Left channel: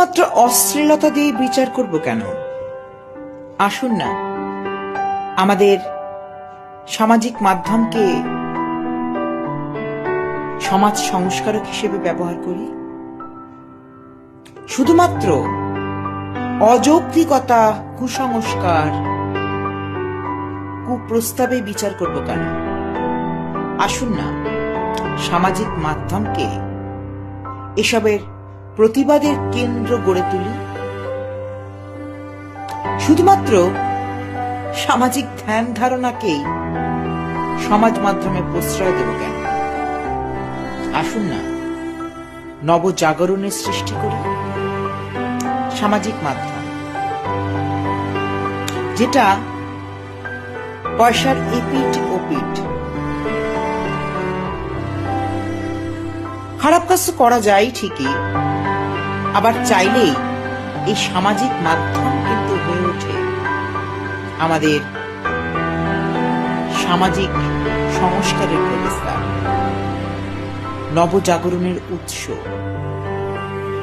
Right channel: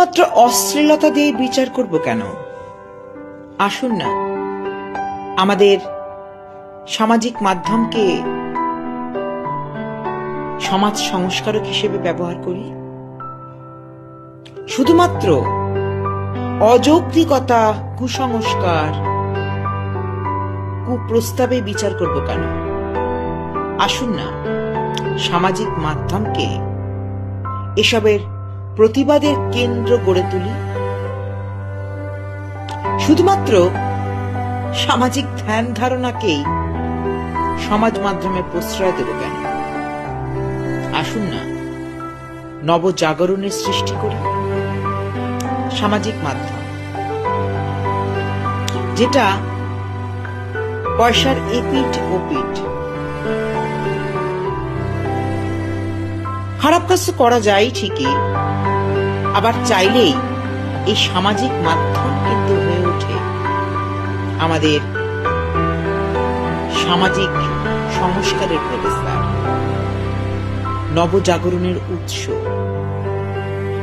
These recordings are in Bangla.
শুধুমাত্র অশ্লীলতা দিয়ে বিচার করব কেন? আসুন না আমাদের সামাজিক মাধ্যমকে সমাজ সংস্কারক হিসেবে ব্যবহার করি। শুধুমাত্র অযৌক্তিকতা, কুসংস্কার, কুপ্রস্তাবে বিচার করব কেন? আসুন না সামাজিক মাধ্যমকে এসবের প্রতিবাদের কেন্দ্র গড়ে তুলি। শুধুমাত্র সামাজিক ধ্যান ধারণাকেই সমাজ মাধ্যমে প্রশ্রয় দেব কেন? আসুন না নবজাগরণের সৃষ্টি করি। সামাজিক মাধ্যম যেটা পয়সার এপিঠ ওপিঠ, খারাপ কাজ করা যায় ঠিকই, আবার চাইলেই এই সামাজিক মাধ্যম কিন্তু হয়ে ওঠে আমাদের সামাজিক সংস্কারের প্রবেশদ্বার, নবজাগরণের উৎস।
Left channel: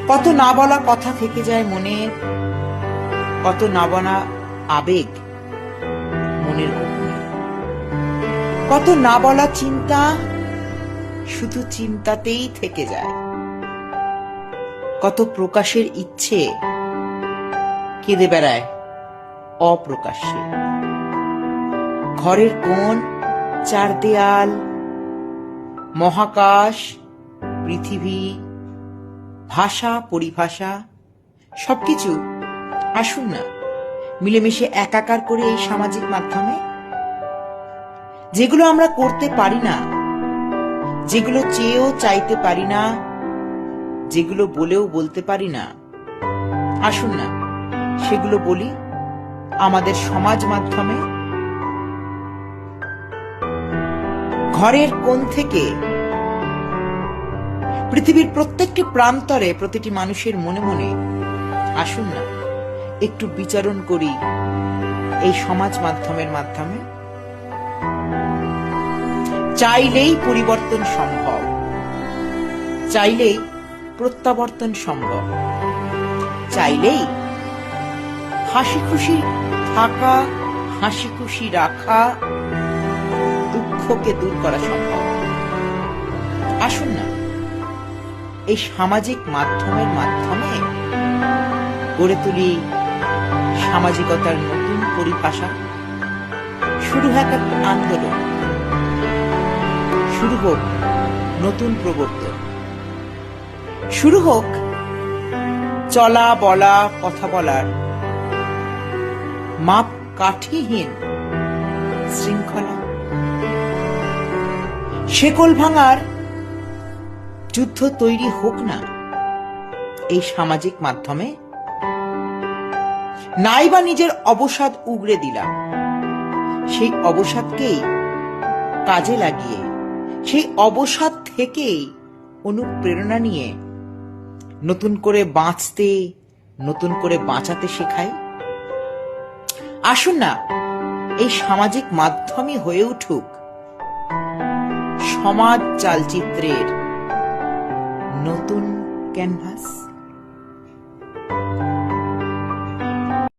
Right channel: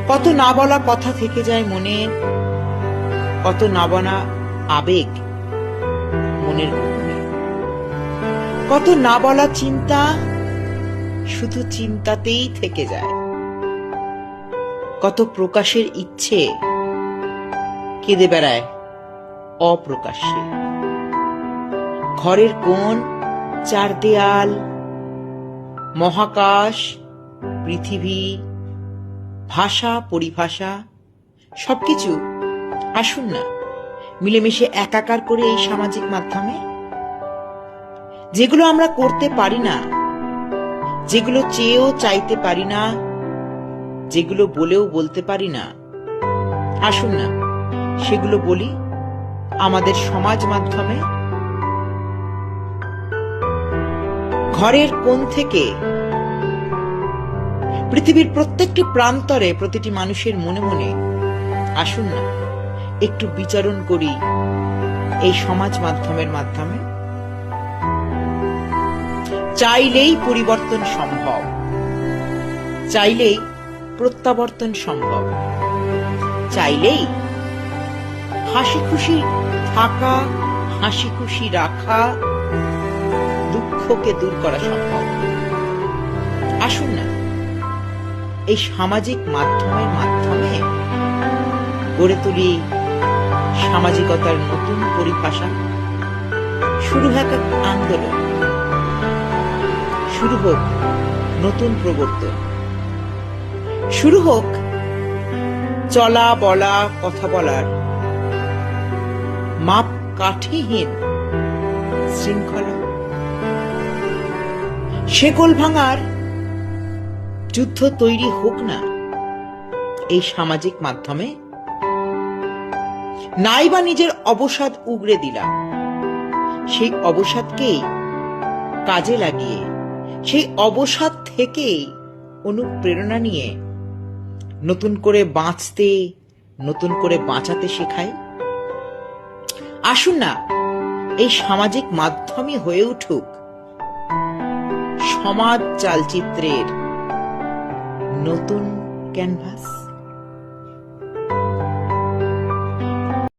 কত না বলা কথা থেকে যায় মনে, কত না বলা আবেগ মনের গোপনে, কত না বলা চিন্তা শুধু চিন্তাতেই থেকে যায়, কত প্রকাশের ইচ্ছে কেঁদে বেড়ায় অপ্রকাশ্যে। ঘরের কোণ, চার দেয়াল, মহাকাশ, পৃথিবী, ভাষা, পরিভাষা সবকিছু আসুন না মিলেমিশে একাকার করে এই সামাজিক মাধ্যমে। যেগুলো আমরা করতে পারি না, যেগুলো চেয়েও চাইতে পারি না, যেগুলো বলেও বলতে পারি না, আসুন না সেগুলো বলি আমাদের সমাজ মাধ্যমে। ঘরের কোণ থেকে পৃথিবীর প্রত্যেকটি প্রান্তরে, প্রতিটি মানুষের মনে মনে আসুন না একটু বিচারণ করি এই সমাজ মাধ্যমের মাধ্যমে। চাইলেই পরিবর্তন সম্ভব, চাইলেই প্রত্যাবর্তন সম্ভব, চাইলেই হাসি খুশি থাকা, হাসি খুশি রাখা, দুঃখকে দূর করা সম্ভব। আসুন না এই সামাজিক মাধ্যমের মাধ্যমে গড়ে তুলি সামাজিকতার নতুন পরিভাষা। শুরু হোক এক আন্দোলন, শুরু হোক নতুন প্রবর্তন, শুরু হোক চলা বলা কথা বলার মাপ কাঠিহীন শৃঙ্খলা। শেকল ভাঙার যুদ্ধ তৈরি হোক না এই সামাজিক মাধ্যমে। নাইবা নিজের অবসাদ উগড়ে দিলাম, সেই অবসাদকেই কাজে লাগিয়ে, সেই অবসাদ থেকেই অনুপ্রেরণা নিয়ে নতুন করে বাঁচতে, নতুন করে বাঁচাতে শেখাই। আসুন না এই সামাজিক মাধ্যমই হয়ে উঠুক সমাজ চালচিত্রের নতুন ক্যানভাস।